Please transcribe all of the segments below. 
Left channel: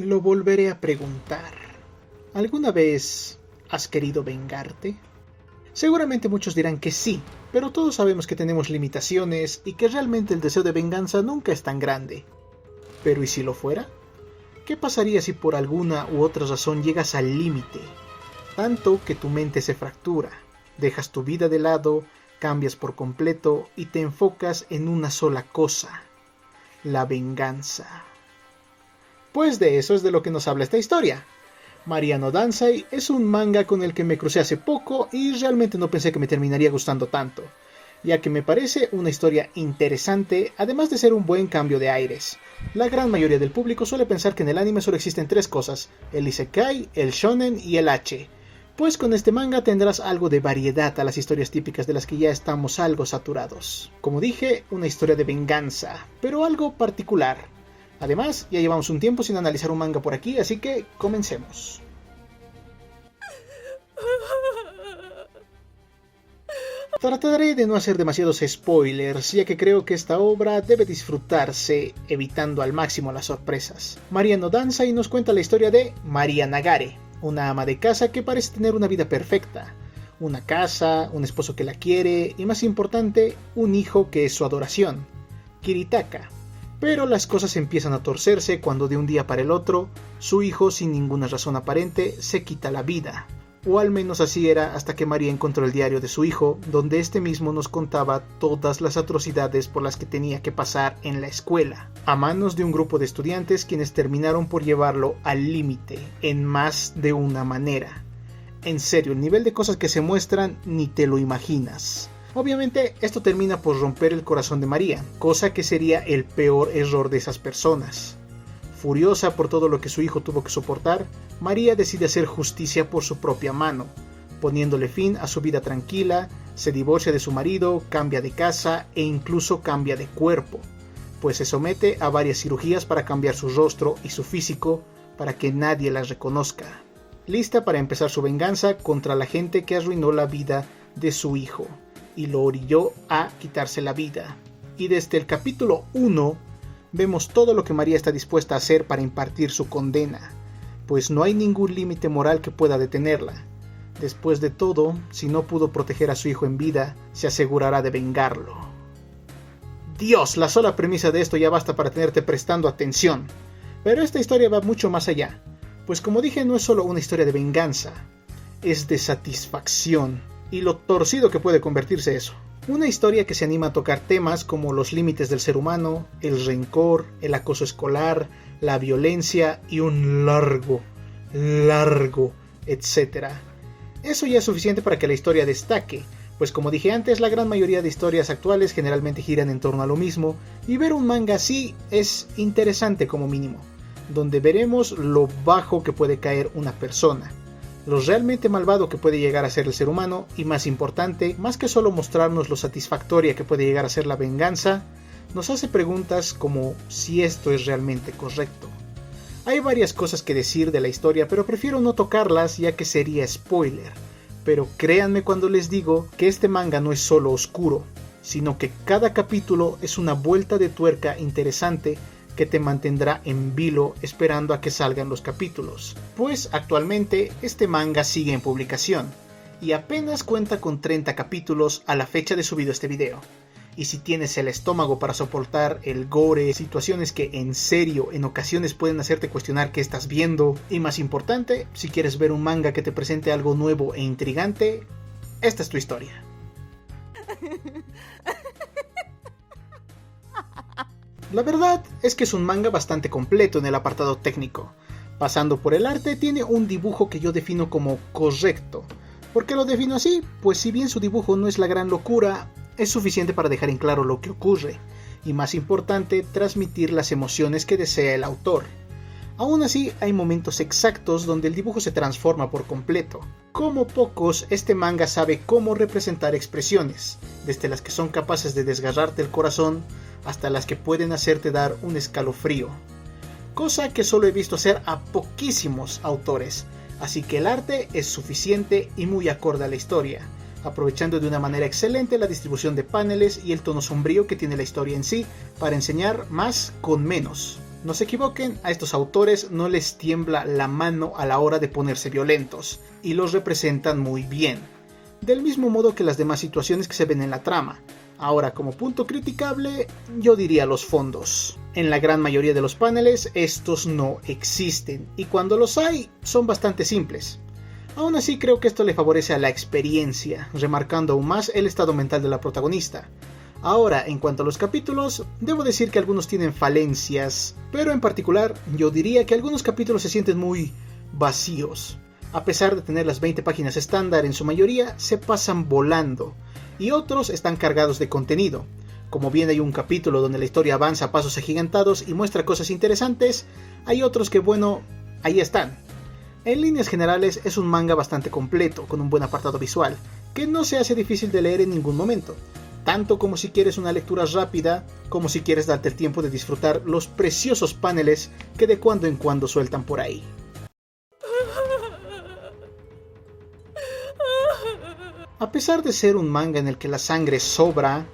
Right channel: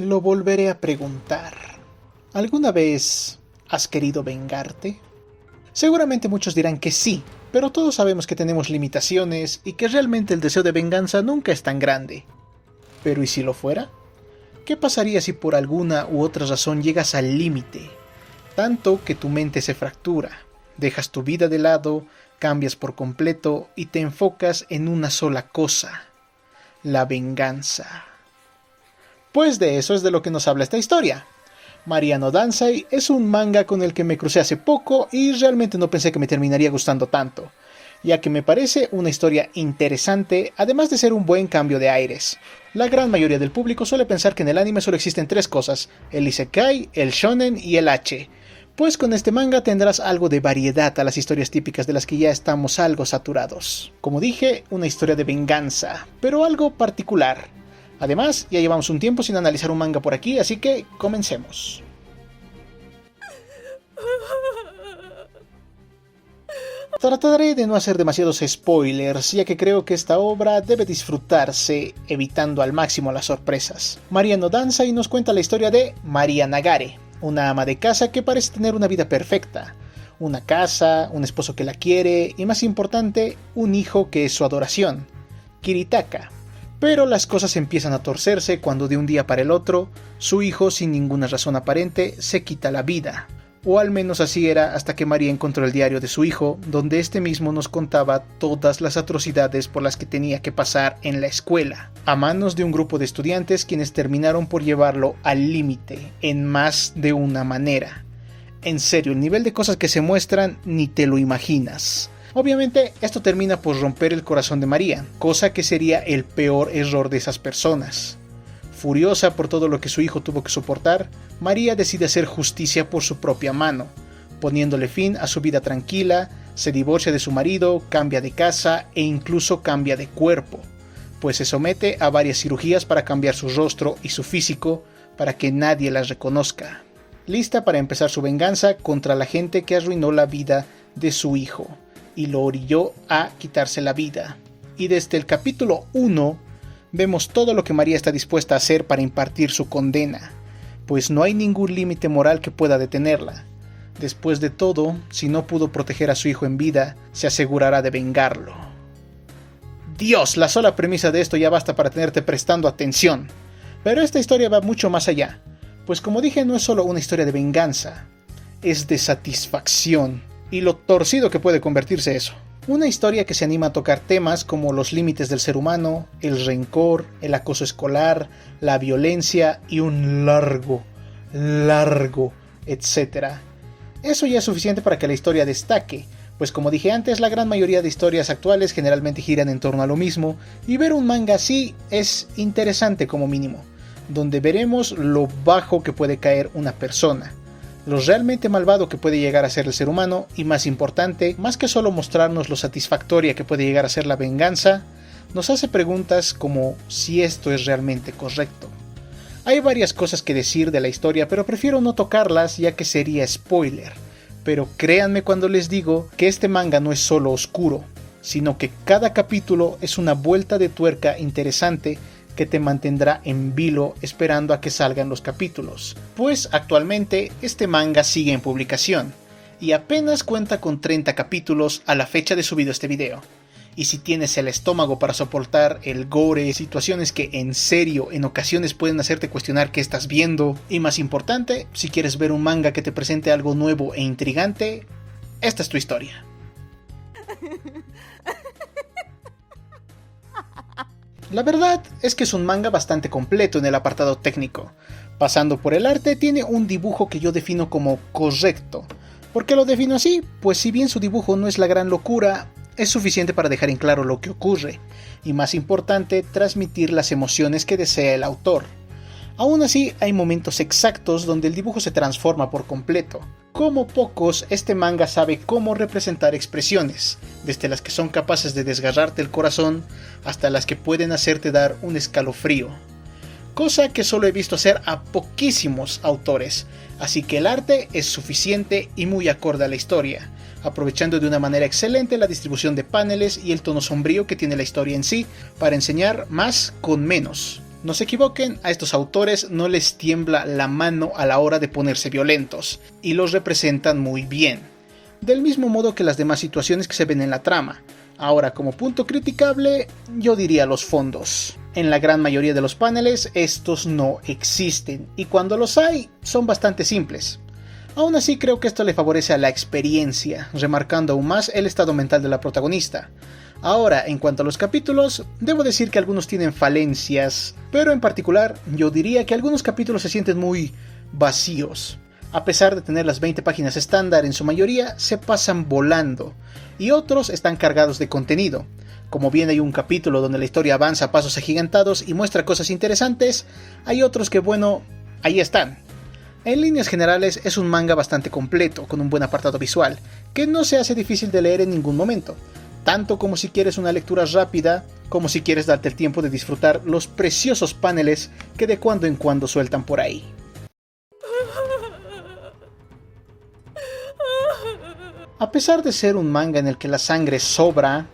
Lo volveré a preguntar. ¿Alguna vez has querido vengarte? Seguramente muchos dirán que sí, pero todos sabemos que tenemos limitaciones y que realmente el deseo de venganza nunca es tan grande. ¿Pero y si lo fuera? ¿Qué pasaría si por alguna u otra razón llegas al límite? Tanto que tu mente se fractura, dejas tu vida de lado, cambias por completo y te enfocas en una sola cosa: la venganza. Pues de eso es de lo que nos habla esta historia. Mariano Dansai es un manga con el que me crucé hace poco y realmente no pensé que me terminaría gustando tanto, ya que me parece una historia interesante, además de ser un buen cambio de aires. La gran mayoría del público suele pensar que en el anime solo existen tres cosas: el isekai, el shonen y el H. Pues con este manga tendrás algo de variedad a las historias típicas de las que ya estamos algo saturados. Como dije, una historia de venganza, pero algo particular. Además, ya llevamos un tiempo sin analizar un manga por aquí, así que comencemos. Trataré de no hacer demasiados spoilers, ya que creo que esta obra debe disfrutarse evitando al máximo las sorpresas. Mariano Dansai nos cuenta la historia de María Nagare, una ama de casa que parece tener una vida perfecta. Una casa, un esposo que la quiere y, más importante, un hijo que es su adoración, Kiritaka. Pero las cosas empiezan a torcerse cuando de un día para el otro, su hijo, sin ninguna razón aparente, se quita la vida. O al menos así era hasta que María encontró el diario de su hijo, donde este mismo nos contaba todas las atrocidades por las que tenía que pasar en la escuela, a manos de un grupo de estudiantes quienes terminaron por llevarlo al límite, en más de una manera. En serio, el nivel de cosas que se muestran ni te lo imaginas. Obviamente esto termina por romper el corazón de María, cosa que sería el peor error de esas personas. Furiosa por todo lo que su hijo tuvo que soportar, María decide hacer justicia por su propia mano, poniéndole fin a su vida tranquila, se divorcia de su marido, cambia de casa e incluso cambia de cuerpo, pues se somete a varias cirugías para cambiar su rostro y su físico para que nadie la reconozca, lista para empezar su venganza contra la gente que arruinó la vida de su hijo y lo orilló a quitarse la vida. Y desde el capítulo 1 vemos todo lo que María está dispuesta a hacer para impartir su condena, pues no hay ningún límite moral que pueda detenerla. Después de todo, si no pudo proteger a su hijo en vida, se asegurará de vengarlo. Dios, la sola premisa de esto ya basta para tenerte prestando atención. Pero esta historia va mucho más allá, pues como dije, no es solo una historia de venganza, es de satisfacción, y lo torcido que puede convertirse eso. Una historia que se anima a tocar temas como los límites del ser humano, el rencor, el acoso escolar, la violencia y un largo, etcétera. Eso ya es suficiente para que la historia destaque, pues como dije antes, la gran mayoría de historias actuales generalmente giran en torno a lo mismo, y ver un manga así es interesante como mínimo, donde veremos lo bajo que puede caer una persona, lo realmente malvado que puede llegar a ser el ser humano y, más importante, más que solo mostrarnos lo satisfactoria que puede llegar a ser la venganza, nos hace preguntas como si esto es realmente correcto. Hay varias cosas que decir de la historia, pero prefiero no tocarlas ya que sería spoiler, pero créanme cuando les digo que este manga no es solo oscuro, sino que cada capítulo es una vuelta de tuerca interesante que te mantendrá en vilo esperando a que salgan los capítulos, pues actualmente este manga sigue en publicación y apenas cuenta con 30 capítulos a la fecha de subido este video. Y si tienes el estómago para soportar el gore, situaciones que en serio en ocasiones pueden hacerte cuestionar qué estás viendo, y más importante, si quieres ver un manga que te presente algo nuevo e intrigante, esta es tu historia. La verdad es que es un manga bastante completo en el apartado técnico. Pasando por el arte, tiene un dibujo que yo defino como correcto. ¿Por qué lo defino así? Pues si bien su dibujo no es la gran locura, es suficiente para dejar en claro lo que ocurre, y más importante, transmitir las emociones que desea el autor. Aún así, hay momentos exactos donde el dibujo se transforma por completo. Como pocos, este manga sabe cómo representar expresiones, desde las que son capaces de desgarrarte el corazón hasta las que pueden hacerte dar un escalofrío. Cosa que solo he visto hacer a poquísimos autores, así que el arte es suficiente y muy acorde a la historia, aprovechando de una manera excelente la distribución de paneles y el tono sombrío que tiene la historia en sí para enseñar más con menos. No se equivoquen, a estos autores no les tiembla la mano a la hora de ponerse violentos, y los representan muy bien, del mismo modo que las demás situaciones que se ven en la trama. Ahora, como punto criticable, yo diría los fondos. En la gran mayoría de los paneles estos no existen, y cuando los hay, son bastante simples. Aún así creo que esto le favorece a la experiencia, remarcando aún más el estado mental de la protagonista. Ahora, en cuanto a los capítulos, debo decir que algunos tienen falencias, pero en particular yo diría que algunos capítulos se sienten muy vacíos. A pesar de tener las 20 páginas estándar, en su mayoría se pasan volando, y otros están cargados de contenido. Como bien hay un capítulo donde la historia avanza a pasos agigantados y muestra cosas interesantes, hay otros que bueno, ahí están. En líneas generales es un manga bastante completo, con un buen apartado visual, que no se hace difícil de leer en ningún momento, tanto como si quieres una lectura rápida, como si quieres darte el tiempo de disfrutar los preciosos paneles que de cuando en cuando sueltan por ahí. A pesar de ser un manga en el que la sangre sobra,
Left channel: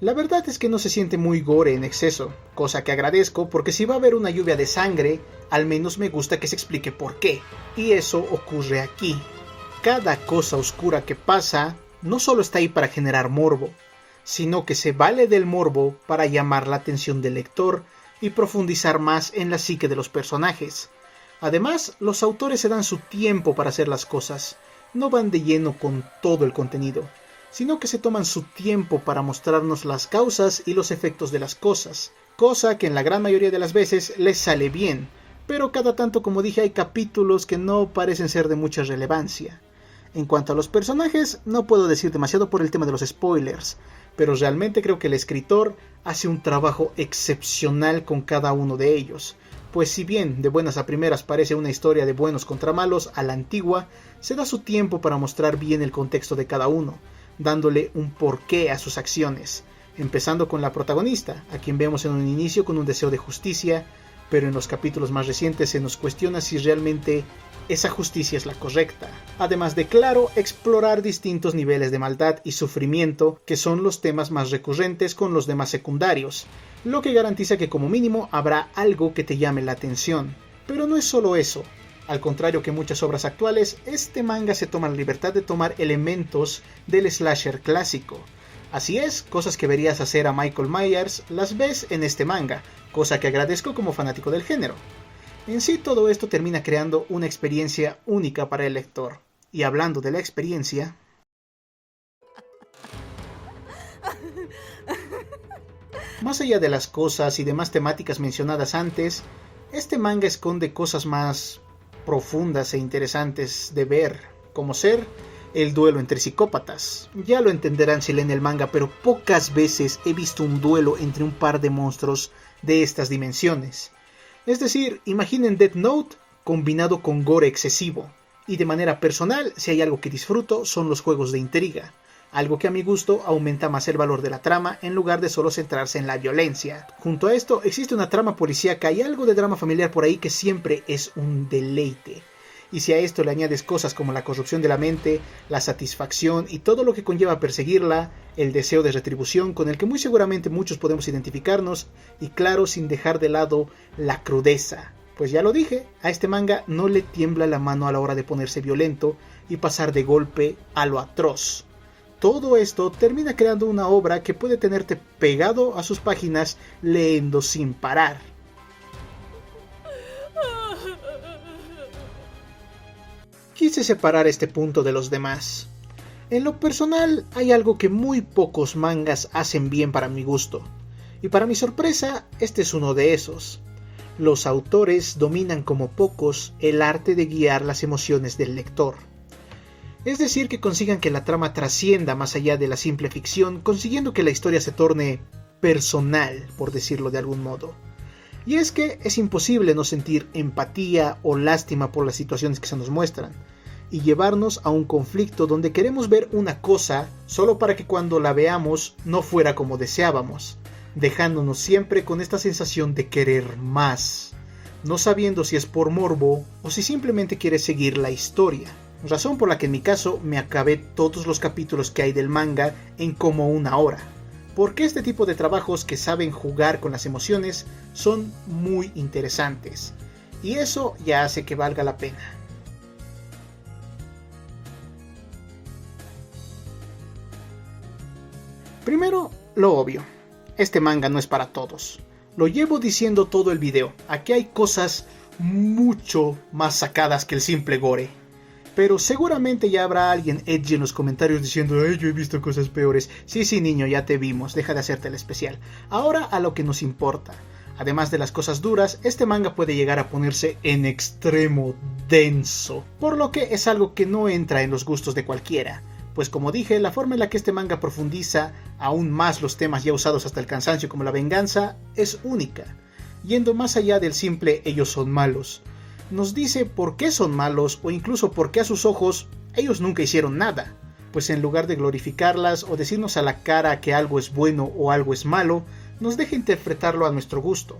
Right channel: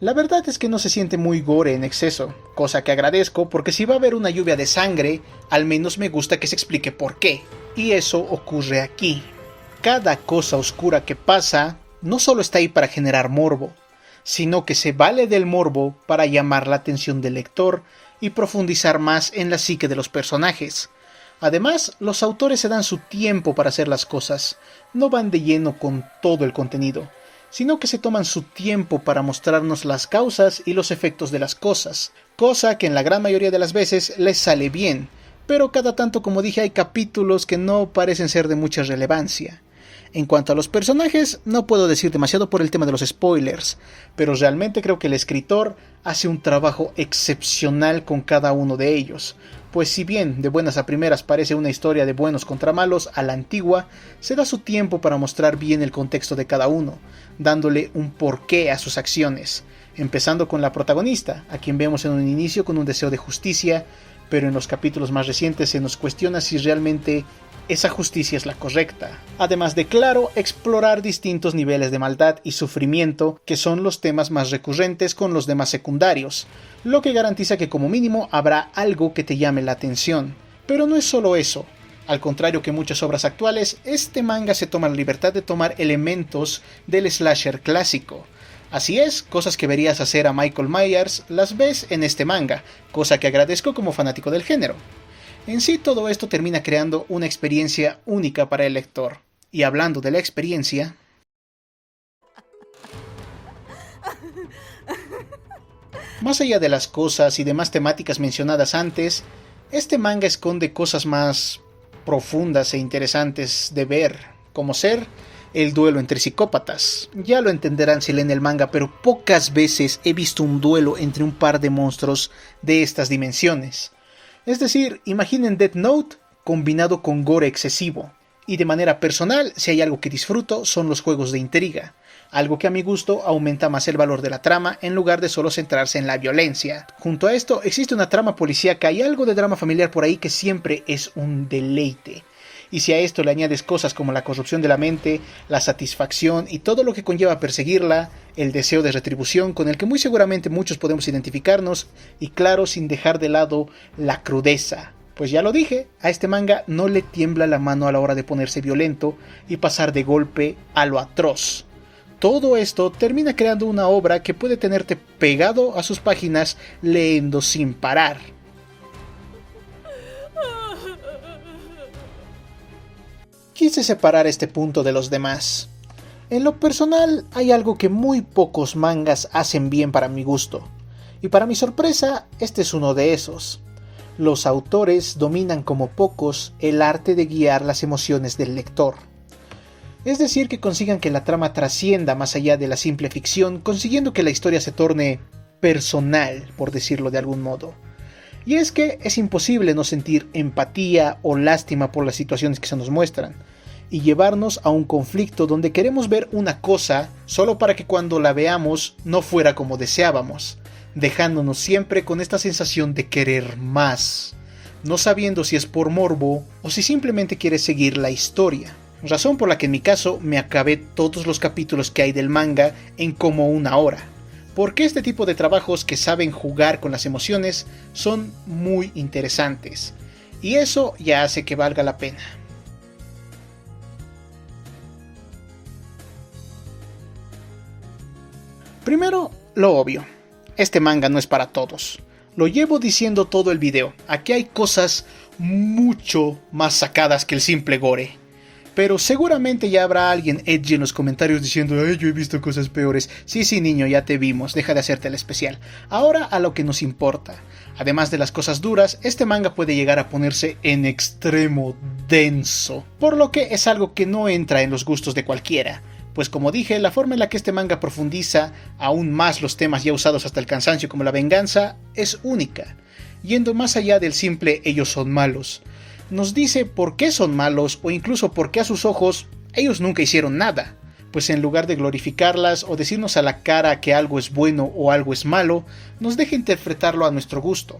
la verdad es que no se siente muy gore en exceso, cosa que agradezco porque si va a haber una lluvia de sangre, al menos me gusta que se explique por qué, y eso ocurre aquí. Cada cosa oscura que pasa no solo está ahí para generar morbo, sino que se vale del morbo para llamar la atención del lector y profundizar más en la psique de los personajes. Además, los autores se dan su tiempo para hacer las cosas, no van de lleno con todo el contenido, sino que se toman su tiempo para mostrarnos las causas y los efectos de las cosas, cosa que en la gran mayoría de las veces les sale bien, pero cada tanto, como dije, hay capítulos que no parecen ser de mucha relevancia. En cuanto a los personajes, no puedo decir demasiado por el tema de los spoilers, pero realmente creo que el escritor hace un trabajo excepcional con cada uno de ellos, pues si bien de buenas a primeras parece una historia de buenos contra malos a la antigua, se da su tiempo para mostrar bien el contexto de cada uno, dándole un porqué a sus acciones, empezando con la protagonista, a quien vemos en un inicio con un deseo de justicia, pero en los capítulos más recientes se nos cuestiona si realmente esa justicia es la correcta. Además de, claro, explorar distintos niveles de maldad y sufrimiento, que son los temas más recurrentes con los demás secundarios, lo que garantiza que como mínimo habrá algo que te llame la atención. Pero no es solo eso. Al contrario que muchas obras actuales, este manga se toma la libertad de tomar elementos del slasher clásico. Así es, cosas que verías hacer a Michael Myers las ves en este manga, cosa que agradezco como fanático del género. En sí todo esto termina creando una experiencia única para el lector. Y hablando de la experiencia, más allá de las cosas y demás temáticas mencionadas antes, este manga esconde cosas más profundas e interesantes de ver, como ser el duelo entre psicópatas. Ya lo entenderán si leen el manga, pero pocas veces he visto un duelo entre un par de monstruos de estas dimensiones. Es decir, imaginen Death Note combinado con gore excesivo. Y de manera personal, si hay algo que disfruto, son los juegos de intriga. Algo que a mi gusto aumenta más el valor de la trama en lugar de solo centrarse en la violencia. Junto a esto, existe una trama policíaca y algo de drama familiar por ahí que siempre es un deleite. Y si a esto le añades cosas como la corrupción de la mente, la satisfacción y todo lo que conlleva perseguirla, el deseo de retribución con el que muy seguramente muchos podemos identificarnos, y claro, sin dejar de lado la crudeza. Pues ya lo dije, a este manga no le tiembla la mano a la hora de ponerse violento y pasar de golpe a lo atroz. Todo esto termina creando una obra que puede tenerte pegado a sus páginas leyendo sin parar. Quise separar este punto de los demás. En lo personal, hay algo que muy pocos mangas hacen bien para mi gusto, y para mi sorpresa, este es uno de esos. Los autores dominan como pocos el arte de guiar las emociones del lector. Es decir, que consigan que la trama trascienda más allá de la simple ficción, consiguiendo que la historia se torne personal, por decirlo de algún modo. Y es que es imposible no sentir empatía o lástima por las situaciones que se nos muestran, y llevarnos a un conflicto donde queremos ver una cosa solo para que cuando la veamos no fuera como deseábamos, dejándonos siempre con esta sensación de querer más, no sabiendo si es por morbo o si simplemente quieres seguir la historia. Razón por la que en mi caso me acabé todos los capítulos que hay del manga en como una hora. porque este tipo de trabajos que saben jugar con las emociones son muy interesantes, y eso ya hace que valga la pena. Primero, lo obvio, este manga no es para todos. Lo llevo diciendo todo el video, aquí hay cosas mucho más sacadas que el simple gore. Pero seguramente ya habrá alguien edgy en los comentarios diciendo "Ay, yo he visto cosas peores". Sí, niño, ya te vimos, deja de hacerte el especial. Ahora a lo que nos importa. Además de las cosas duras, este manga puede llegar a ponerse en extremo denso, por lo que es algo que no entra en los gustos de cualquiera. Pues como dije, la forma en la que este manga profundiza aún más los temas ya usados hasta el cansancio como la venganza es única, yendo más allá del simple ellos son malos. Nos dice por qué son malos o incluso por qué a sus ojos ellos nunca hicieron nada, pues en lugar de glorificarlas o decirnos a la cara que algo es bueno o algo es malo, nos deja interpretarlo a nuestro gusto.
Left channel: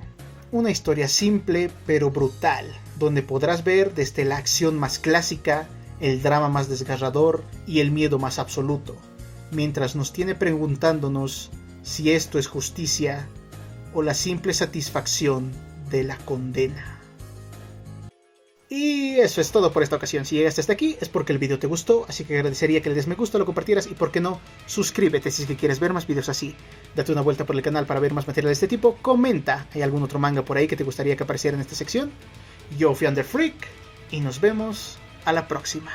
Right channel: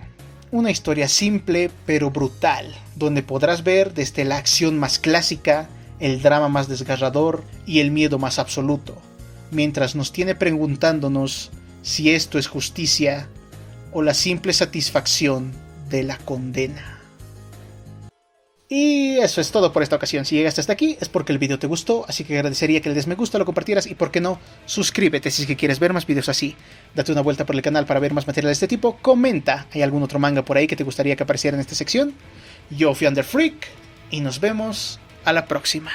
Una historia simple pero brutal, donde podrás ver desde la acción más clásica, el drama más desgarrador y el miedo más absoluto, mientras nos tiene preguntándonos si esto es justicia o la simple satisfacción de la condena. Y eso es todo por esta ocasión. Si llegaste hasta aquí es porque el video te gustó, así que agradecería que le des me gusta, lo compartieras y por qué no, suscríbete si es que quieres ver más videos así. Date una vuelta por el canal para ver más material de este tipo, comenta, ¿hay algún otro manga por ahí que te gustaría que apareciera en esta sección? Yo fui Underfreak y nos vemos a la próxima.